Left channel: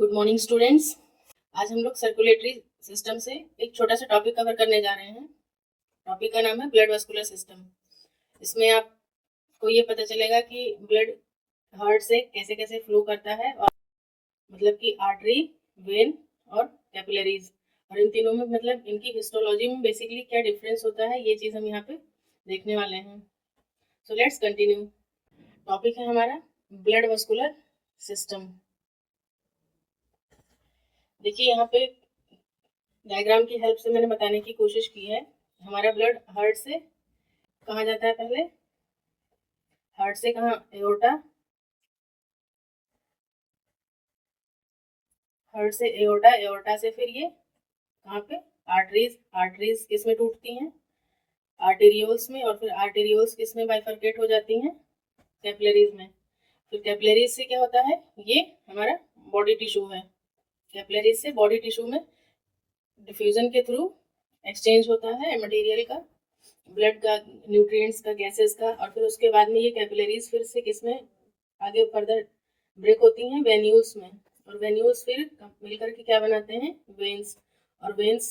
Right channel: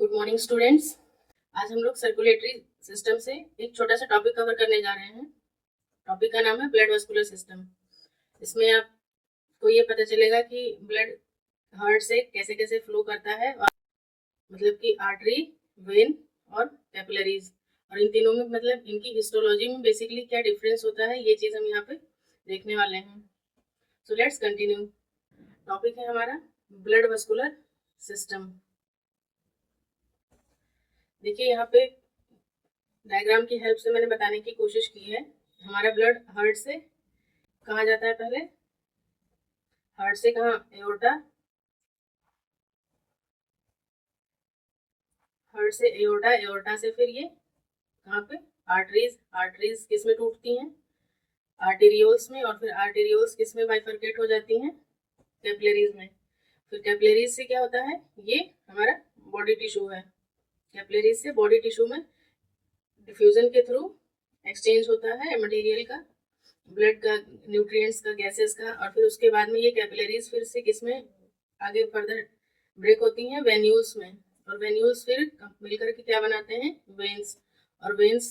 Good morning students. आज हम लोग सर्कुलेटरी सिस्टम से एक छोटा सा टॉपिक कवर करने जा रहे हैं। टॉपिक का नाम है ब्लड वेस्कुलर सिस्टम। इसमें आपको ये पता चलेगा कि ब्लड हार्ट से कैसे कैसे फ्लो करता है, और मतलब कि आर्टरी, वेन और कैपिलरीज, और इन तीनों में मतलब इनकी हिस्टोलॉजी में बेसिकली क्या डिफरेंस होता है, ये चीज़ हम यहाँ पे देखने वाले हैं। So let's continue. टॉपिक है हमारा ब्लड वेस्कुलर सिस्टम। देखिए यहाँ पे डायग्राम की हेल्प से मैंने बताने की कोशिश की है। हमारा ब्लड हार्ट से कहाँ जाता है, पहले हार्ट से कहाँ, एओर्टा, हार्ट से एओर्टा, एओर्टा से फिर ये कहाँ पे, आर्टरीज, आर्टरीज किस में टूटती हैं, आर्टेरियोल्स में, और फिर आर्टेरियोल्स किस में बाइफरकेट हो जाती हैं, कैपिलरीज में। फिर कैपिलरीज से क्या होता है, ये हमारा बॉडी टिश्यू है। कैपिलरीज से बॉडी टिश्यू में डिफ्यूजन के थ्रू एक्सचेंज होता है मटेरियल का, ब्लड का, न्यूट्रिएंट्स का, गैसेस का, और फिर उसके बाद में ये कैपिलरीज फिर से किस में आगे फर्दर ब्रेक होती हैं, वेन्यूल्स में, और वेन्यूल्स फिर मिलकर के क्या बनाते हैं, वेन्स, और वेन्स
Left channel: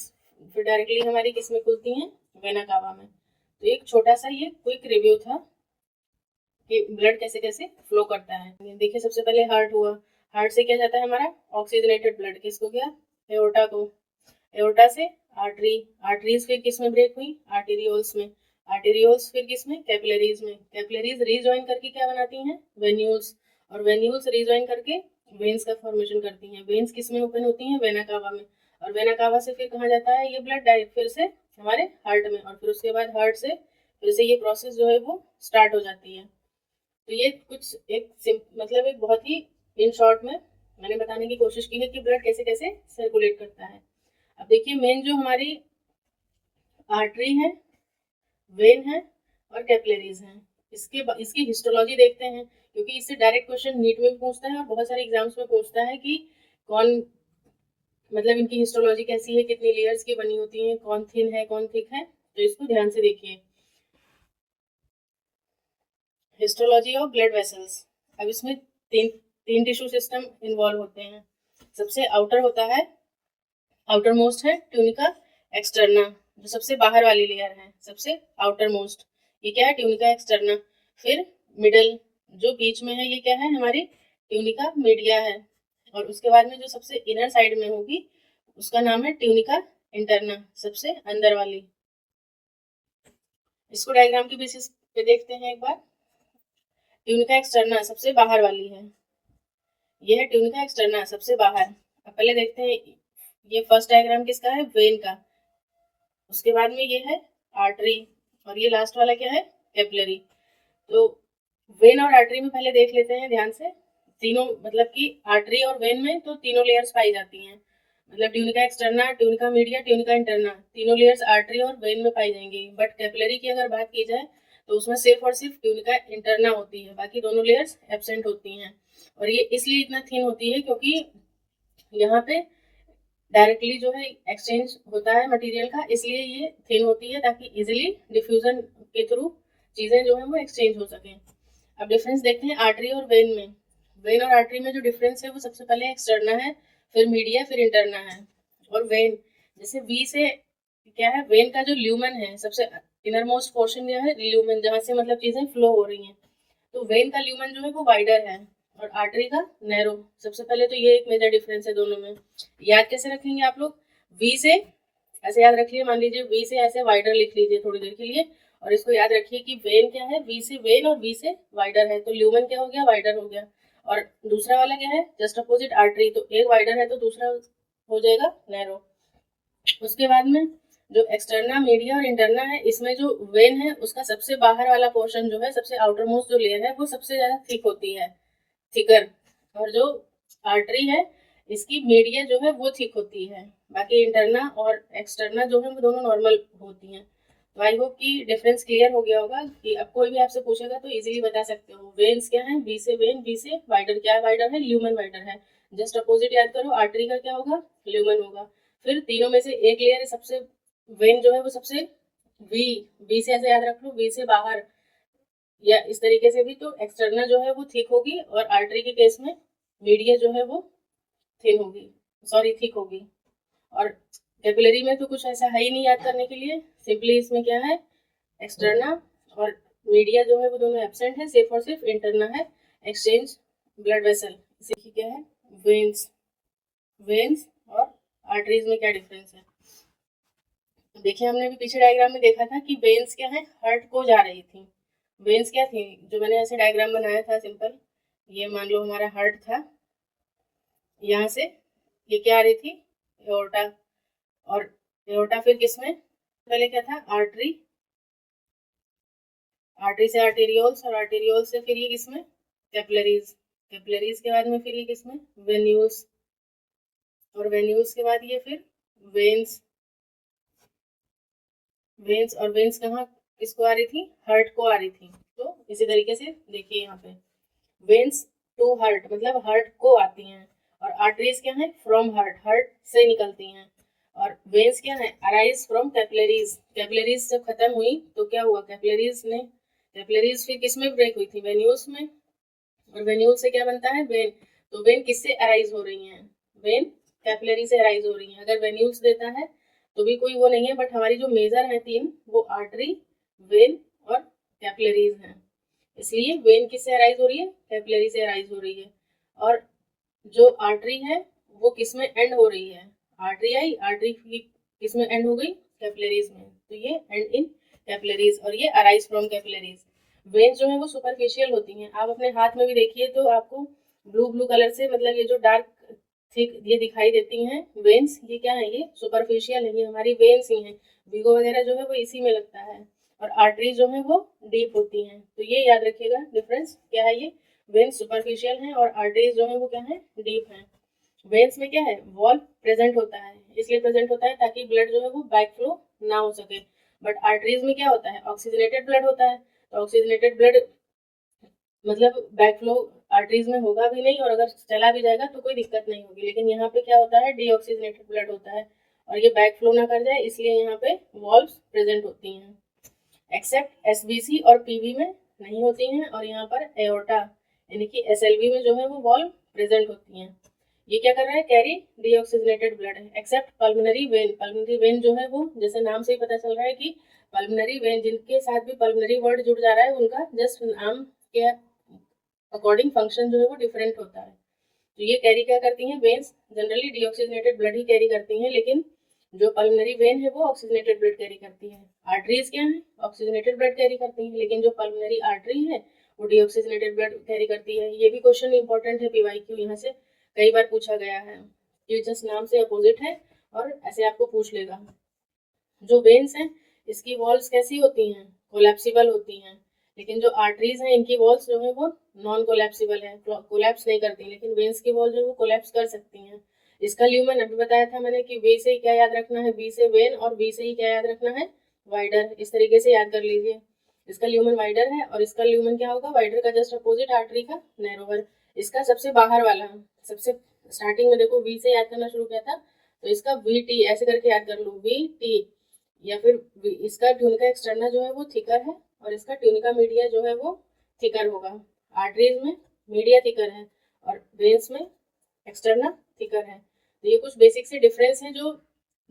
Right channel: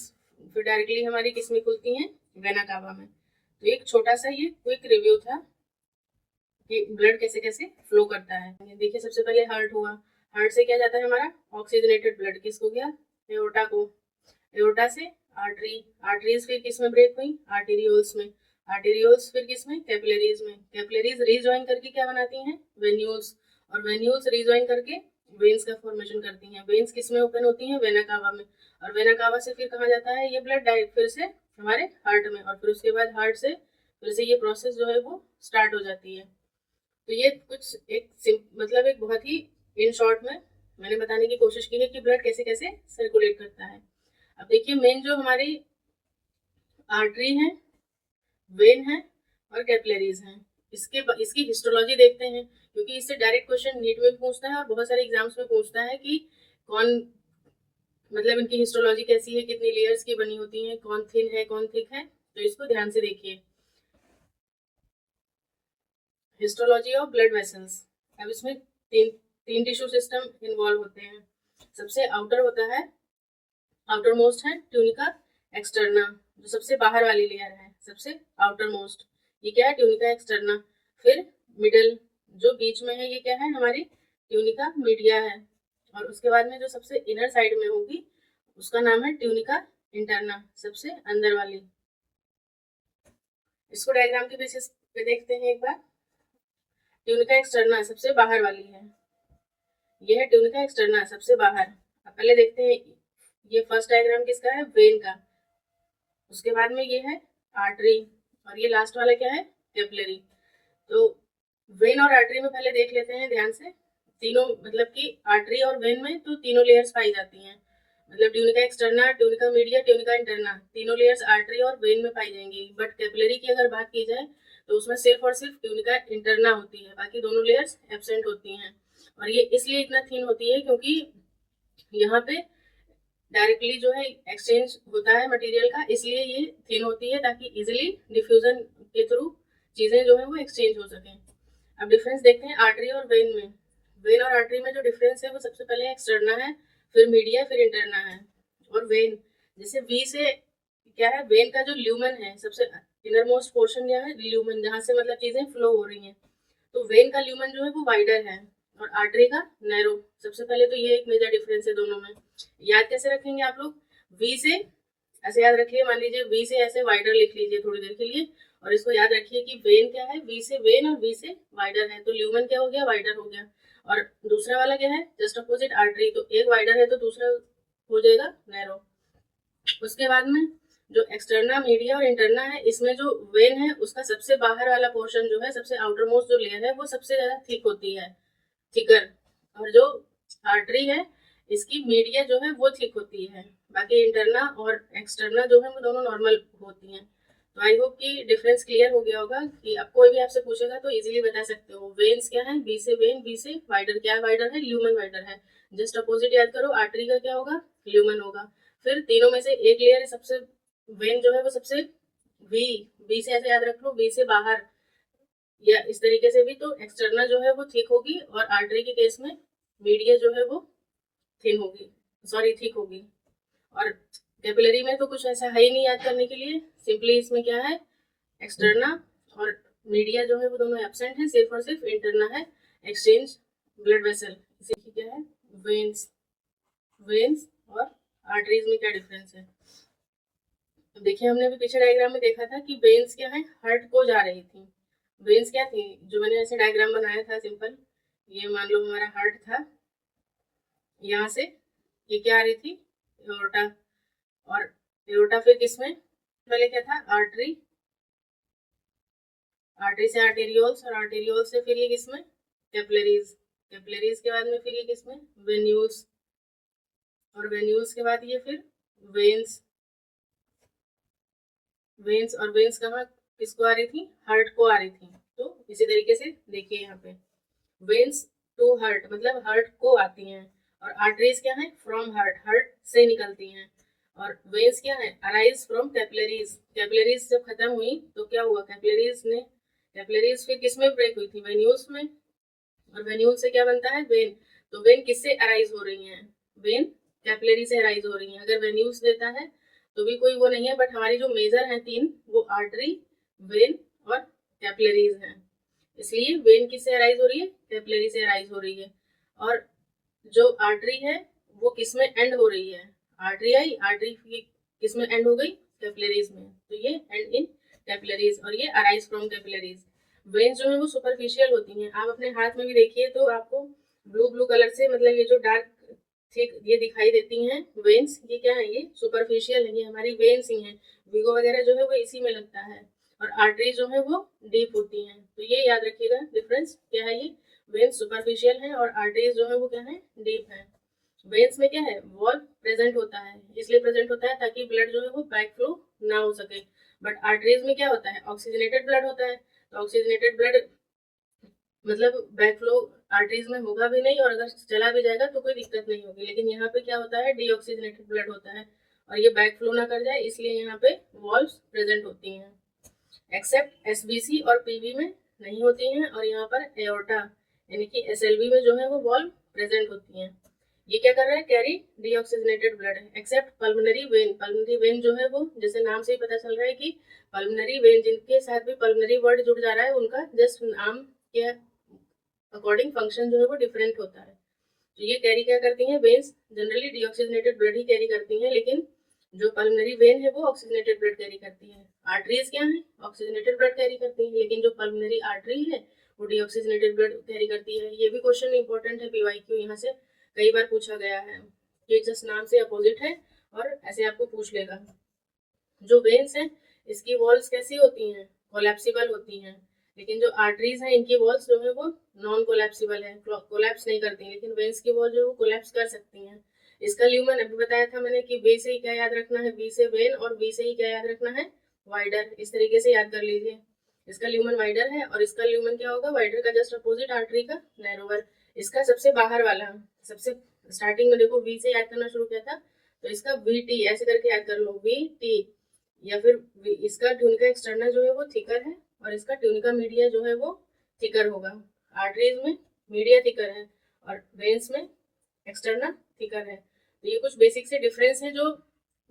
फिर डायरेक्टली हमारी किस में खुलती हैं, वेना कावा में। तो एक छोटा सा ये क्विक रिव्यू था कि ब्लड कैसे कैसे फ्लो करता है। देखिए सबसे पहले हार्ट हुआ, हार्ट से क्या जाता है हमारा ऑक्सीजनेटेड ब्लड, किसको गया, एओर्टा को, एओर्टा से आर्टरी, आर्टरीज फिर किस में ब्रेक हुई, आर्टेरियोल्स में, आर्टेरियोल्स फिर किस में, कैपिलरीज में, कैपिलरीज रीजॉइन करके क्या बनाती हैं, वेन्यूल्स, और वेन्यूल्स रीजॉइन करके वेन्स का फॉर्मेशन करती हैं। वेन्स किस में ओपन होती हैं, वेना कावा में, और वेना कावा से फिर कहाँ जाता है ये ब्लड, डायरेक्ट फिर से हमारे हार्ट में, और फिर उसके बाद हार्ट से फिर से ये प्रोसेस जो है वो स्टार्ट हो जाती है। तो ये कुछ एक मतलब एक बहुत ही इन शॉर्ट में मैंने बताने की कोशिश की है कि ब्लड कैसे कैसे सर्कुलेट करता है। अब देखिए मेन जो हमारी आर्टरी है, वेन है और कैपिलरीज हैं, इसकी हिस्टोलॉजी देखते हैं, क्योंकि इससे डायरेक्ट क्वेश्चन नीट में पूछता है और बहुत सारे एग्जाम्स में पूछता है कि कौन, मतलब इनकी हिस्टोलॉजी कैसी है, कितनी लेयर्स की बनी होती हैं, कौन थिन है कौन थिक है, तो इसको ध्यान से देखिए। Histology of blood vessels. अब इसमें तीन तीन टिश्यू सिस्टम इन्वॉल्व होते हैं। सबसे आउटर होता है, आउटर मोस्ट है ट्यूनिका एक्सटर्ना, जो सबसे बाहर वाली लेयर है, सबसे आउटर मोस्ट, ये क्या है, ट्यूनिका एक्सटर्ना। फिर मिडल जो बीच में है, ये क्या है, हमारी ट्यूनिका मीडिया है, और उसके बाद में जो सबसे इनर साइड में होगी उसका नाम है ट्यूनिका इंटरना, सबसे अंदर वाली। इसको डायग्राम की बेसिस पे देखते हैं एक बार। ट्यूनिका एक्सटर्ना सबसे बाहर वाली है, ये है ट्यूनिका एक्सटर्ना सबसे बाहर। अब पहले देखते हैं, ये फर्स्ट डायग्राम किसका है, वेन का, उसके बाद में ये है आर्टरी, और ये लास्ट वाला क्या है, कैपिलरी। तो वेन और आर्टरी में पहले देख लेते हैं ध्यान से। तीनों मतलब कि आर्टरी और वेन में तो तीनों लेयर्स पाई जाती हैं, मतलब tunica externa, tunica media, tunica interna, तीनों लेयर्स आर्टरी और वेन में पाई जाएंगी। बट कैपिलरी की अगर बात की जाए तो उसमें सिर्फ और सिर्फ ट्यूनिका इंटरना होती है, बाकी दोनों लेयर्स एब्सेंट होती हैं। और ये इसलिए इतना थिन होती है क्योंकि यहाँ पे डायरेक्टली जो है एक्सचेंज होता है मटेरियल का, इसलिए ये थिन होती है, ताकि इजिली डिफ्यूजन के थ्रू चीजें जो है वो एक्सचेंज हो सके। अब डिफरेंस देखते हैं आर्टरी और वेन में। वेन और आर्टरी में जो डिफरेंस है वो सबसे पहले एक्सटर्ना है, फिर मीडिया, फिर इंटरना है। और वेन, जैसे वी से क्या है, वेन का जो ल्यूमन है, सबसे इनर मोस्ट पोर्शन क्या है, ल्यूमन, जहाँ से मतलब चीजें फ्लो हो रही हैं, तो वेन का ल्यूमन जो है वो वाइडर है, और आर्टरी का नैरो। सबसे पहले तो ये एक मेजर डिफरेंस है दोनों में। याद कैसे रखेंगे आप लोग, वी से ऐसे याद रखिए, मान लीजिए वी से ऐसे वाइडर लिख लीजिए थोड़ी देर के लिए, और इसको याद रखिए कि वेन क्या है, वी से वेन और वी से वाइडर है, तो ल्यूमन क्या हो गया, वाइडर हो गया। और दूसरा वाला क्या है, जस्ट अपोजिट आर्टरी, तो एक वाइडर है तो दूसरा हो जाएगा नैरो। उसके बाद में जो एक्सटर्ना, मीडिया और इंटरना है, इसमें जो वेन है उसका सबसे बाहर वाला पोर्शन जो है, सबसे आउटर मोस्ट जो लेयर है, वो सबसे ज्यादा थिक होती है, थिकर। और जो आर्टरी है इसकी मीडिया जो है वो थिक होती है, बाकी इंटरना और एक्सटर्ना जो है वो दोनों नॉर्मल होती हैं। तो आई होप कि डिफरेंस क्लियर हो गया होगा, कि अब कोई भी आपसे पूछेगा तो इजीली बता सकते हो। वेन्स क्या है, वी से वेन, वी से वाइडर, क्या वाइडर है, ल्यूमन वाइडर है। जस्ट अपोजिट याद करो, आर्टरी का क्या होगा, ल्यूमन होगा। फिर तीनों में से एक लेयर सबसे, वेन जो है वो सबसे, वी, वी से ऐसे याद रख लो, वी से बाहर, या इस तरीके से भी, तो एक्सटर्नल जो है वो थिक होगी, और आर्टरी के केस में मीडिया जो है वो थिन होगी, सॉरी थिक होगी। और कैपिलरी में तो कुछ ऐसा है ही नहीं याद करने के लिए, सिंपली इसमें क्या है, एक्सटर्ना और मीडिया जो है वो दोनों एब्सेंट है, सिर्फ और सिर्फ इंटरना है, एक्सचेंज ब्लड वेसल। इसी क्या है, वेन्स। वेन्स और आर्टरीज में क्या डिफरेंस है। देखिए हमने भी पीछे डायग्राम में देखा था कि वेन्स क्या है, हार्ट को जा रही थी। वेन्स क्या थी, जो मैंने ऐसे डायग्राम बनाया था सिंपल, ये मान लो हमारा हार्ट था, यहाँ से ये क्या आ रही थी, एओर्टा, और एओर्टा फिर किसमें, पहले क्या था, आर्टरी, आर्टरी से आर्टेरियोल्स, और आर्टेरियोल से फिर ये किसमें, कैपिलरीज, कैपिलरीज के बाद में फिर ये किसमें, वेन्यूल्स, और वेन्यूल्स के बाद ये फिर वेन्स, वेन्स, और वेन्स कहाँ किसको आ रही थी, हार्ट को आ रही थी। तो इसी तरीके से देखिए यहाँ पे वेन्स टू हार्ट मतलब हार्ट को आती हैं, और आर्टरीज क्या है, फ्रॉम हार्ट, हार्ट से निकलती हैं, और वेन्स क्या है, अराइज फ्रॉम कैपिलरीज। कैपिलरीज जब खत्म हुई तो क्या हुआ, कैपिलरीज फिर किस में ब्रेक हुई थी, वेन्यूल्स में, और वेन्यूल से क्या बनता है, वेन। तो वेन किससे अराइज हो रही हैं, वेन कैपिलरी से अराइज हो रही हैं। अगर वेन्यूल्स देता है तो भी कोई वो नहीं है, बट हमारी जो मेजर है तीन, वो आर्टरी, वेन और कैपिलरीज हैं। इसलिए वेन किससे अराइज हो रही है, कैपिलरी से अराइज हो रही है। और जो आर्टरी है वो किस में एंड हो रही है, आर्टरी आई, आर्टरी किस में एंड हो गई, कैपिलरीज में, तो ये एंड इन कैपिलरीज, और ये अराइज फ्रॉम कैपिलरीज। वेन्स जो है वो सुपरफिशियल होती हैं, आप अपने हाथ में भी देखिए तो आपको ब्लू ब्लू कलर से, मतलब ये जो डार्क थिक ये दिखाई देती हैं वेन्स, ये क्या है, ये सुपरफिशियल है, ये हमारी वेन्स ही हैं। वीगो वगैरह जो है वो इसी में लगता है, और आर्टरीज जो है वो डीप होती हैं। तो ये याद रखिएगा डिफरेंस क्या है, ये वेन्स सुपरफिशियल हैं और आर्टरीज जो है वो क्या है, डीप हैं। वेन्स में क्या है, वॉल प्रेजेंट होता है, इसलिए प्रेजेंट होता है ताकि ब्लड जो है वो बैक फ्लो ना हो सके। बट आर्टरीज में क्या होता है, ऑक्सीजनेटेड ब्लड होता है, तो ऑक्सीजनेटेड ब्लड मतलब बैक फ्लो आर्टरीज में होगा भी नहीं, और अगर चला भी जाएगा तो कोई दिक्कत नहीं होगी। लेकिन यहाँ पे क्या होता है, डीऑक्सीजनेटेड ब्लड होता है, और ये बैक फ्लो ना कर जाए इसलिए यहाँ पे वॉल्व्स प्रेजेंट होती हैं। एक्सेप्ट एसबीसी और पीवी में नहीं होती हैं, और यहाँ पर एओर्टा यानी कि एसएलवी में जो है वो वॉल्व प्रेजेंट होती हैं। ये क्या कर रहा है, कैरी डीऑक्सीजनेटेड ब्लड है। Accept pulmonary vein, pulmonary vein जो है वो जैसे नाम से ही पता चल रहा है कि पल्मोनरी वेन, जिनके साथ भी पल्मोनरी वर्ड जुड़ जा रहा है उनका जस्ट नाम के अकॉर्डिंग फंक्शन जो है वो डिफरेंट होता है। तो ये कैरी क्या करती हैं, वेन्स जनरली डीऑक्सीजनेटेड ब्लड ही कैरी करती हैं, लेकिन जो पल्मोनरी वेन है वो ऑक्सीजनेटेड ब्लड कैरी करती है। आर्टरीज क्या है, ऑक्सीजनेटेड ब्लड कैरी करती है, लेकिन जो पल्मोनरी आर्टरी है वो डीऑक्सीजनेटेड ब्लड कैरी करती है। ये भी क्वेश्चन इंपॉर्टेंट है, पीवाईक्यू यहाँ से कई बार पूछा गया है, ये जस्ट नाम से अपोजिट है और ऐसे आपको पूछ लेगा। जो वेन्स हैं इसकी वॉल्स कैसी होती हैं, कोलैप्सिबल होती हैं, लेकिन जो आर्टरीज हैं इनकी वॉल्स जो है वो नॉन कोलैप्सिबल है, कोलैप्स नहीं करती, लेकिन वेन्स की वॉल जो है वो कोलैप्स कर सकती हैं। इसका ल्यूमन अभी बताया था मैंने कि वे से ही क्या याद रखना है, वी से वेन, और वी से ही क्या याद रखना है, वाइडर। इस तरीके से याद कर लीजिए, इसका ल्यूमन वाइडर है और इसका ल्यूमन क्या होगा, वाइडर का जस्ट अपोजिट, आर्टरी का नैरोवर। इसका सबसे बाहर वाला, सबसे स्टार्टिंग में देखो वी से याद करना शुरू किया था, तो इसका वी टी ऐसे करके याद कर लो, वी टी, या फिर इसका ट्यूनिका एक्सटर्ना जो है वो थिकर है और इसका ट्यूनिका मीडिया जो है वो थिकर होगा। आर्टरीज में मीडिया थिकर है और वेन्स में एक्सटर्ना थिकर है। तो ये कुछ बेसिक से डिफरेंस है जो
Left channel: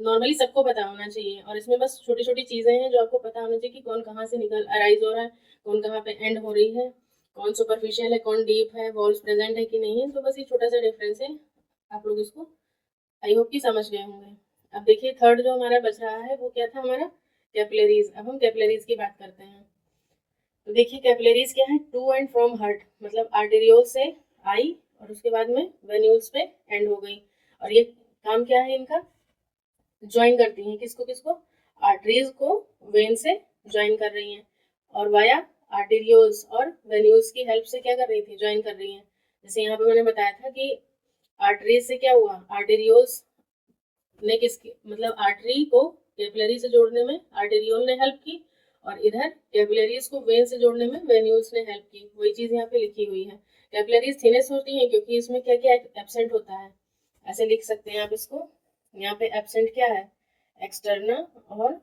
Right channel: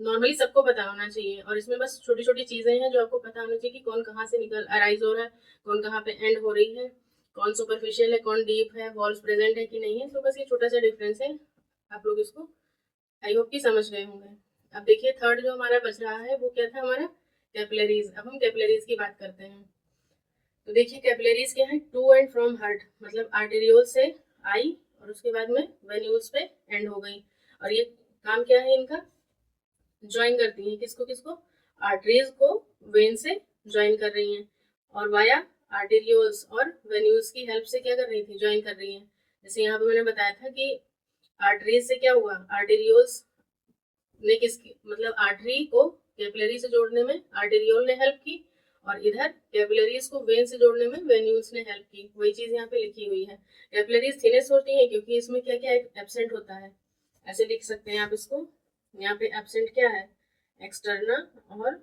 नॉर्मली सबको पता होना चाहिए, और इसमें बस छोटी छोटी चीजें हैं जो आपको पता होना चाहिए कि कौन कहाँ से निकल अराइज हो रहा है, कौन कहाँ पे एंड हो रही है, कौन सुपरफिशियल है, कौन डीप है, वॉल्स प्रेजेंट है कि नहीं है। तो बस ये छोटा सा डिफरेंस है, आप लोग इसको आई होप कि समझ गए होंगे। अब देखिए थर्ड जो हमारा बच रहा है वो क्या था, हमारा कैपिलरीज। अब हम कैपिलरीज की बात करते हैं। तो देखिए कैपिलरीज क्या है, टू एंड फ्रॉम हार्ट, मतलब आर्टेरियोल से आई और उसके बाद में वेन्यूल्स पे एंड हो गई, और ये काम क्या है इनका, ज्वाइन करती हैं किसको किसको, आर्टरीज को वेन से ज्वाइन कर रही हैं, और वाया आर्टेरियोल्स और वेन्यूल्स की हेल्प से क्या कर रही थी, ज्वाइन कर रही हैं। जैसे यहाँ पे मैंने बताया था कि आर्टरीज से क्या हुआ, आर्टेरियोल्स ने किसके मतलब आर्टरी को कैपिलरी से जोड़ने में आर्टेरियोल ने हेल्प की, और इधर कैपिलरीज को वेन से जोड़ने में वेन्यूल्स ने हेल्प की। वही चीज यहाँ पे लिखी हुई है। कैपिलरीज थिनेस्ट होती हैं क्योंकि इसमें क्या क्या एब्सेंट होता है, ऐसे लिख सकते हैं आप इसको। यहाँ पे एब्सेंट क्या है, एक्सटर्ना और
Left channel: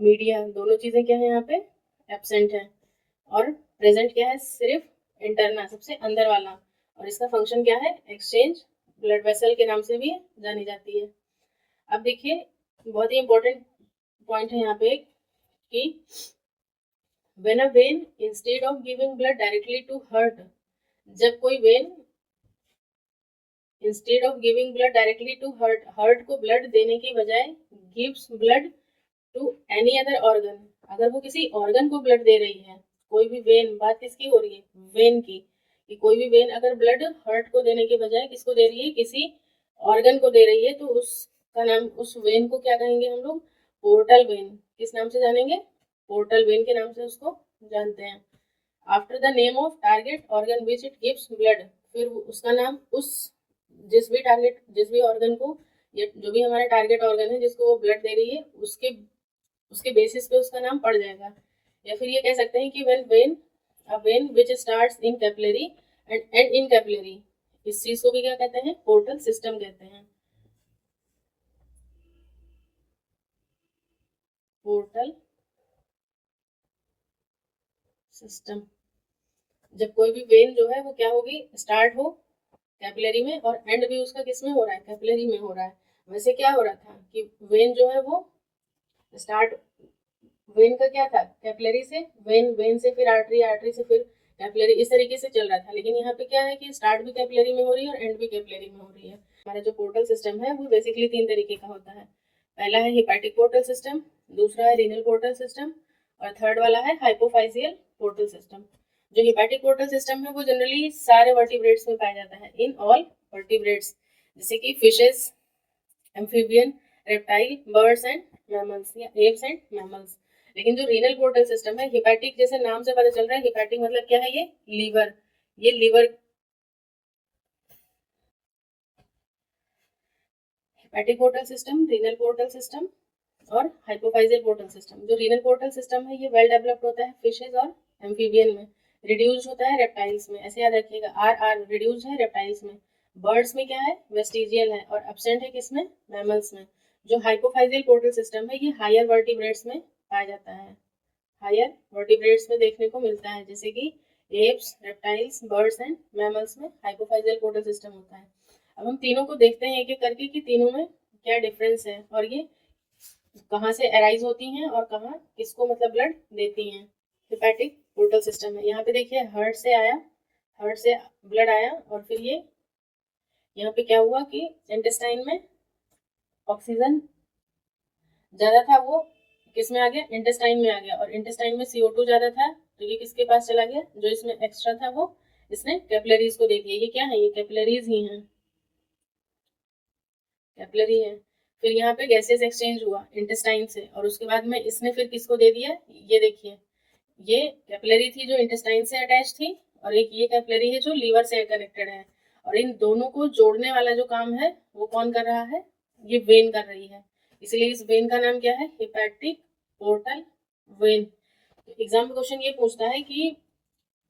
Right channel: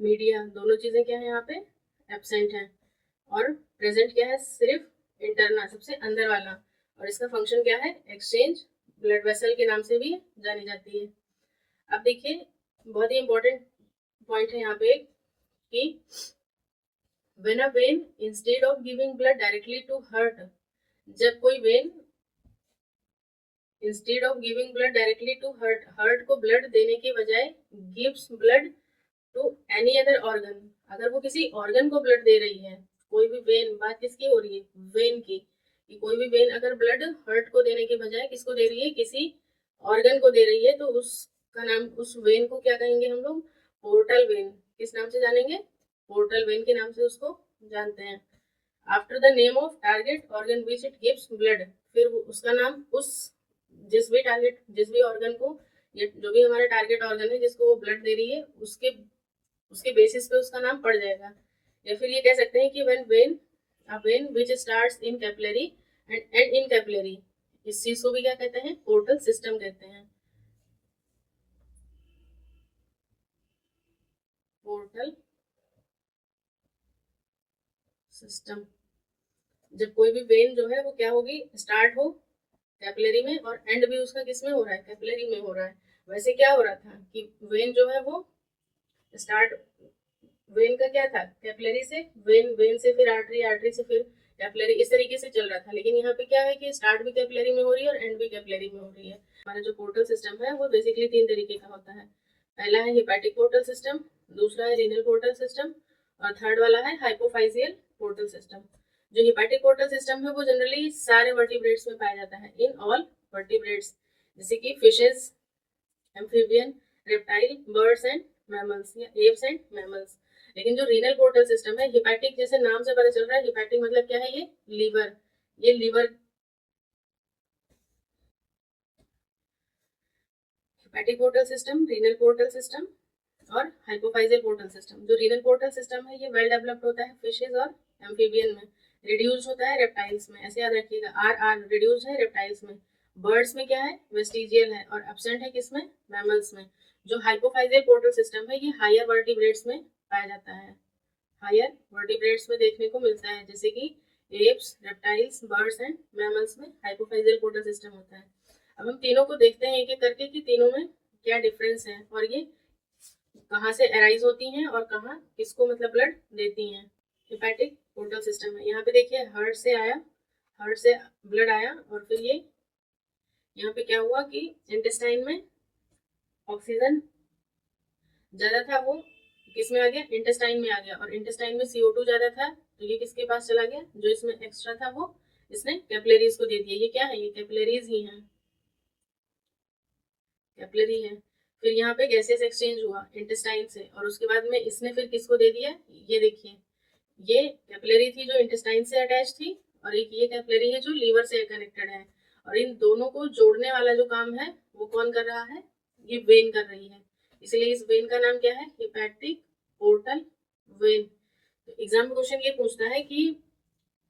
मीडिया, दोनों चीजें क्या है यहाँ पे एब्सेंट है, और प्रेजेंट क्या है, सिर्फ इंटरना सबसे अंदर वाला, और इसका फंक्शन क्या है, एक्सचेंज ब्लड वेसल के नाम से भी जानी जाती है। अब देखिए बहुत ही इंपॉर्टेंट पॉइंट है यहाँ पे एक, कि when a vein instead of giving blood directly to heart, जब कोई vein instead of giving blood directly to heart को ब्लड देने के बजाय gives blood to any other organ, अगर वो किसी ऑर्गन को ब्लड दे रही है, कोई भी वेन, बात किसकी हो रही है, वेन की, कि कोई भी वेन अगर ब्लड हार्ट को देने के बजाय किसको दे रही है, किसी ऑर्गन को दे रही है, तो उसका नाम, उस वेन को क्या कहेंगे हम लोग, पोर्टल वेन। किस नाम से जानेंगे, पोर्टल वेन के नाम से उसको जानते हैं। After the name of target organ which it gives blood, फिर उसका नाम उस जिस भी ऑर्गन को, ये जो भी हमारा टारगेट ऑर्गन है जिसको वो ब्लड दे रही है, उसके बेसिस पे उसका नाम पड़ जाएगा। या फिर ये कह सकते हैं कि a vein which starts in capillary and end in capillary, इस चीज को भी क्या कहते हैं, पोर्टल सिस्टम कहते हैं, पोर्टल सिस्टम। जब कोई भी वेन जो है वो क्या होगी, स्टार्ट हो कैपिलरी में और एंड भी उसका किस में हो रहा है, कैपिलरी में हो रहा है। वैसे क्या हो रहा था कि वेन जो है वो स्टार्ट, वेन का क्या था, कैपिलरी से वेन से फिर आर्टरी, आर्टरी से फिर कैपिलरी, इस तरीके से चल रहा था। लेकिन यहाँ पे क्या है कि स्टार्ट भी कैपिलरी में हो रही है और एंड भी कैपिलरी में हो रही है। हमारा जो पोर्टल सिस्टम है वो बेसिकली 3 तरीके का होता है। पहला है हिपैटिक पोर्टल सिस्टम, दूसरा है रीनल पोर्टल सिस्टम, और थर्ड वाला है हाइपोफाइजियल पोर्टल सिस्टम। जो हिपैटिक पोर्टल सिस्टम है वो जनरली सारे वर्टिब्रेट्स में पाया जाता है, इन ऑल वर्टिब्रेट्स, जैसे कि fishes, amphibian, reptile, birds and mammals, या एप्स एंड मैमल्स। लेकिन जो रीनल पोर्टल सिस्टम है, हिपैटिक जैसे नाम से पता चल रहा है, हिपैटिक मतलब क्या है, ये लीवर, ये liver, hepatic portal system, renal portal system और हाइपोफाइजियल पोर्टल सिस्टम। जो रीनल पोर्टल सिस्टम है ये वेल डेवलप्ड होता है फिशेज और एम्फीबियन में, रिड्यूस होता है रेप्टाइल्स में, ऐसे याद रखिएगा, आर रिड्यूस है रेप्टाइल्स में। बर्ड्स में क्या है, वेस्टिजियल है, और एब्सेंट है किसमें, मैमल्स में। जो हाइपोफाइजियल पोर्टल सिस्टम है ये हायर वर्टिब्रेट्स में पाया जाता है, हायर वर्टिब्रेट्स में देखने को मिलता है, जैसे कि apps, reptiles, birds and mammals में हाइपोफाइजियल पोर्टल सिस्टम होता है। अब हम तीनों को देखते हैं एक एक करके कि तीनों में क्या डिफरेंस है और ये कहाँ से अराइज होती हैं और कहाँ किसको मतलब ब्लड देती हैं। हिपैटिक पोर्टल सिस्टम है, यहाँ पे देखिए हार्ट से आया, हार्ट से ब्लड आया और फिर ये यहाँ पे क्या हुआ कि इंटेस्टाइन में ऑक्सीजन ज्यादा था, वो किस में आ गया, इंटेस्टाइन में आ गया, और इंटेस्टाइन में CO2 ज्यादा था तो ये किसके पास चला गया, जो इसमें एक्स्ट्रा था वो इसने कैपिलरीज को दे दिया। ये क्या है, ये कैपिलरीज ही हैं, कैपिलरी है। फिर यहाँ पे गैसेस एक्सचेंज हुआ इंटेस्टाइन से, और उसके बाद में इसने फिर किसको दे दिया, ये देखिए, ये कैपिलरी थी जो इंटेस्टाइन से अटैच थी, और एक ये कैपिलरी है जो लीवर से कनेक्टेड है, और इन दोनों को जोड़ने वाला जो काम है वो कौन कर रहा है, ये वेन कर रही है। इसलिए इस वेन का नाम क्या है, हिपैटिक पोर्टल वेन। एग्जाम में क्वेश्चन ये पूछता है कि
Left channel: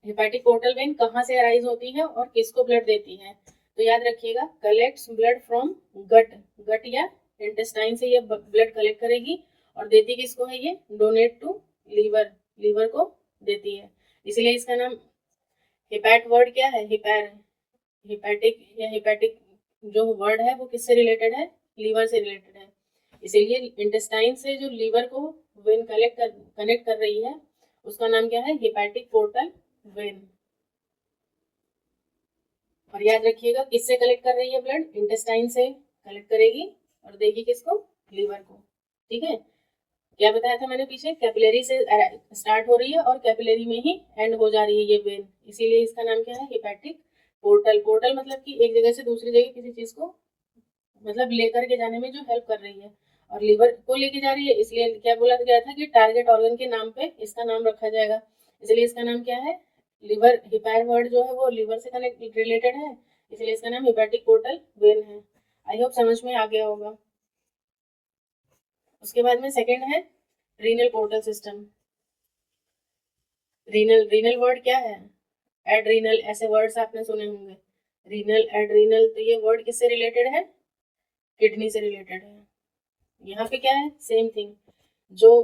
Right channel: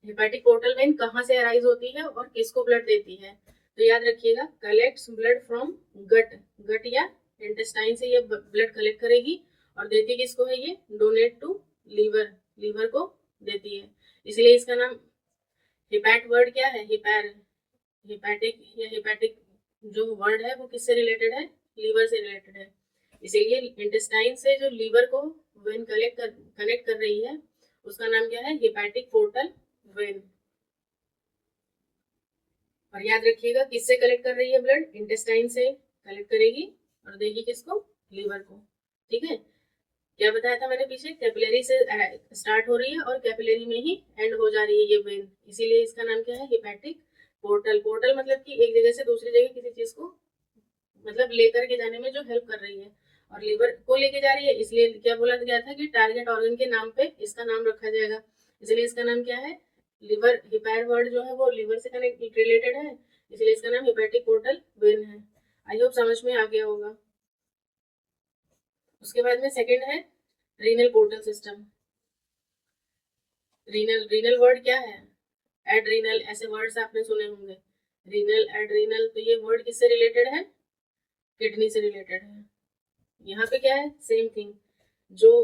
हिपैटिक पोर्टल वेन कहाँ से अराइज होती है और किसको ब्लड देती है, तो याद रखिएगा, कलेक्ट्स ब्लड फ्रॉम गट, गट या इंटेस्टाइन से ये ब्लड कलेक्ट करेगी और देती किसको है, ये डोनेट टू लीवर, लीवर को देती है। इसलिए इसका नाम, हिपैट वर्ड क्या है, हिपैर, हिपैटिक या हिपैटिक जो वर्ड है वो किससे रिलेटेड है, लीवर से रिलेटेड है। इसीलिए इंटेस्टाइन से जो लीवर को वेन कनेक्ट कर रही है उसका नाम क्या है, हिपैटिक पोर्टल वेन। और याद रखिएगा किससे कलेक्ट कर रही है ब्लड, इंटेस्टाइन से कलेक्ट करेगी और देगी किसको, लीवर को। ठीक है, क्या बताया था मैंने पीछे, कैपिलरी से स्टार्ट हो रही है और कैपिलरी में ही एंड हो जा रही है ये वेन, इसीलिए इसका नाम क्या है, हिपैटिक पोर्टल। पोर्टल मतलब कि एक जगह से दूसरी जगह किसी चीज को मतलब लेकर के जाने में जो हेल्प कर रही है, और लीवर को लेके जा रही है, इसलिए क्या बोला गया था कि टारगेट ऑर्गन के नाम पे इसका नाम रखा जाएगा, इसलिए इसका नाम क्या है, लिवर, हिपैर वर्ड जो है वो लिवर से कनेक्ट रिलेटेड है, इसलिए इसका नाम हिपैटिक पोर्टल वेन है। आई होप समझ में आ गया होगा। उसके बाद में सेकंड है renal portal system. Renal word क्या है, एड्रीनल, ऐसे वर्ड्स आपने सुने होंगे, रीनल, एड्रीनल, तो ये वर्ड किससे रिलेटेड है, किडनी से रिलेटेड है। यहाँ पे क्या है, सेम थिंग, जो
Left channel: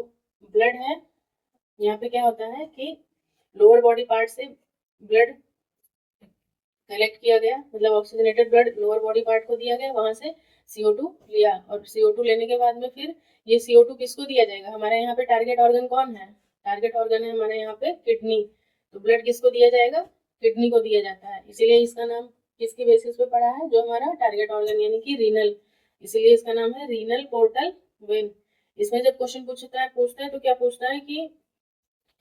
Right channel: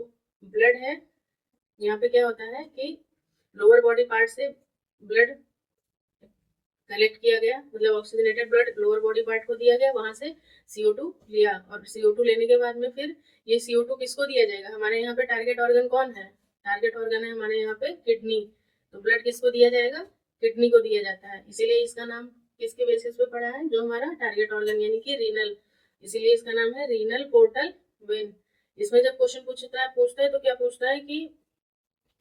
ब्लड है, यहाँ पे क्या होता है कि लोअर बॉडी पार्ट से ब्लड कलेक्ट किया गया, मतलब oxygenated blood lower body part को दिया गया, वहां से CO2 लिया, और CO2 लेने के बाद में फिर ये CO2 किसको दिया जाएगा, हमारे यहाँ पे टारगेट ऑर्गन कौन है, टारगेट ऑर्गन है हमारे यहाँ पे किडनी, तो ब्लड किसको दिया जाएगा, किडनी को दिया जाता है, इसीलिए इसका नाम किसके बेसिस पे पड़ा है, जो हमारा टारगेट ऑर्गन यानी कि रीनल, इसीलिए इसका नाम है रीनल पोर्टल वेन। इसमें जब क्वेश्चन पूछता है तो क्या पूछता है कि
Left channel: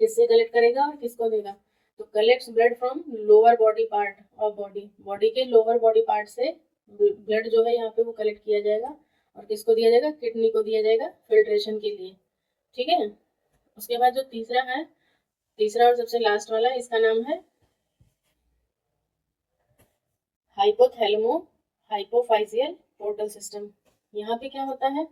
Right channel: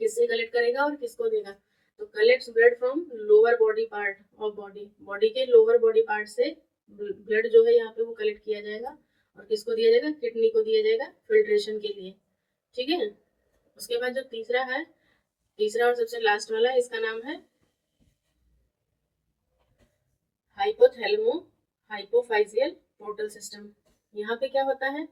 किससे कलेक्ट करेगा और किसको देगा, तो collects blood from lower body part of body, body के लोअर बॉडी पार्ट से ब्लड जो है यहाँ पे वो कलेक्ट किया जाएगा और किसको दिया जाएगा, किडनी को दिया जाएगा फिल्ट्रेशन के लिए, ठीक है। उसके बाद जो तीसरा और सबसे लास्ट वाला, इसका नाम है हाइपोथैलेमो हाइपोफाइजियल पोर्टल सिस्टम। यहाँ पे क्या होता है,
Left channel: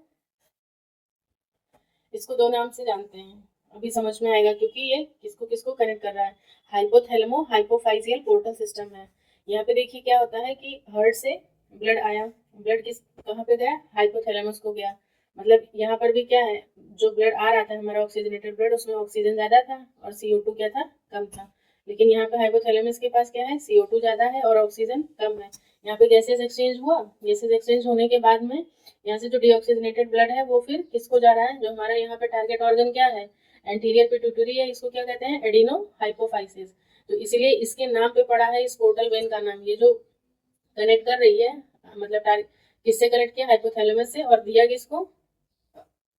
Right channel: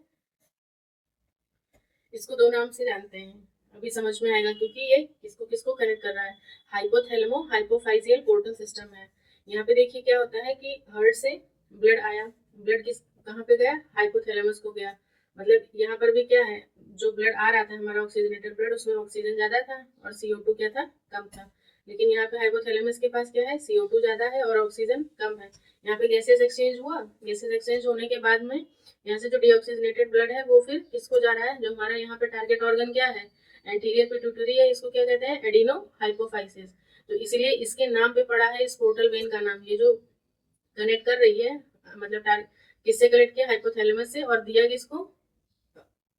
इसको दो नाम से जानते हैं, अभी समझ में आएगा क्योंकि ये किसको किसको कनेक्ट कर रहा है, हाइपोथैलेमो हाइपोफाइजियल पोर्टल सिस्टम है। यहाँ पे देखिए क्या होता है कि हार्ट से ब्लड आया, ब्लड किस कहाँ पे गया, हाइपोथैलेमस को गया, मतलब यहाँ पर भी क्या है, जो ब्लड आ रहा था हमारा ऑक्सीजनेटेड ब्लड, उसमें ऑक्सीजन ज्यादा था और CO2 क्या था, कम था, लेकिन यहाँ पे हाइपोथैलेमस के पास क्या है, CO2 ज्यादा है और ऑक्सीजन कम है। यहाँ पे गैसेस एक्सचेंज हुआ, गैसेस एक्सचेंज होने के बाद में यहाँ से जो डीऑक्सीजनेटेड ब्लड है वो फिर किसको जा रहा है, जो हमारा यहाँ पे टारगेट ऑर्गन क्या है, एंटीरियर पिट्यूटरी है, इसको क्या कहते हैं, एडिनो हाइपोफाइसिस, तो इसीलिए इसके नाम पे पड़ा है इस पोर्टल वेन का नाम, ये जो कनेक्ट कर रही है, मतलब किससे कनेक्ट किया, हाइपोथैलेमस से, और दिया किसको,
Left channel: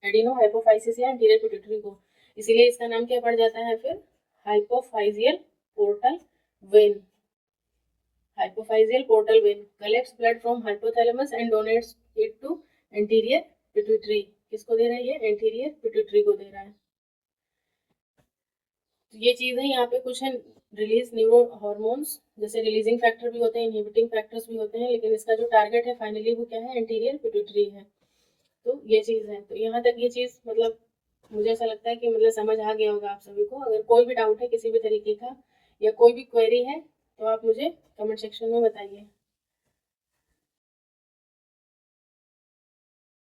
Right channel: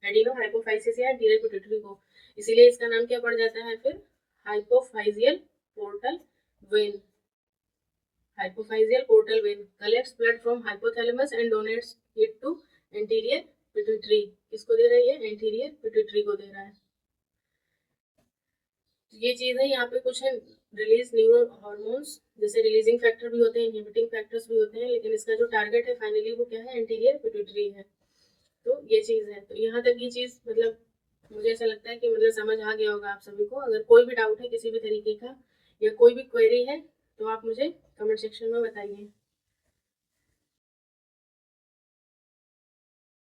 एडिनो हाइपोफाइसिस या एंटीरियर पिट्यूटरी को, इसीलिए इसका नाम क्या पड़ जाता है फिर, hypophyseal portal vein. Hypophyseal portal vein collects blood from hypothalamus and donates it to anterior pituitary, किसको दे रही है, एंटीरियर पिट्यूटरी को दे रहा है। ये चीजें यहाँ पे कुछ है, रिलीज न्यूरो हार्मोन्स, जैसे रिलीजिंग फैक्टर भी होते हैं, इनहिबिटिंग फैक्टर्स भी होते हैं, लेकिन इसका जो टारगेट है फाइनली वो क्या है, एंटीरियर पिट्यूटरी है, तो ये चीज है। तो यहाँ तक ये चीज मतलब मुझे ऐसा लगता है कि मतलब समझ आ गया होगा आप सभी को। अगर कोई भी डाउट है किसी भी तरीके का या कोई भी क्वेरी है तो आप मुझे कमेंट सेक्शन में बताइए।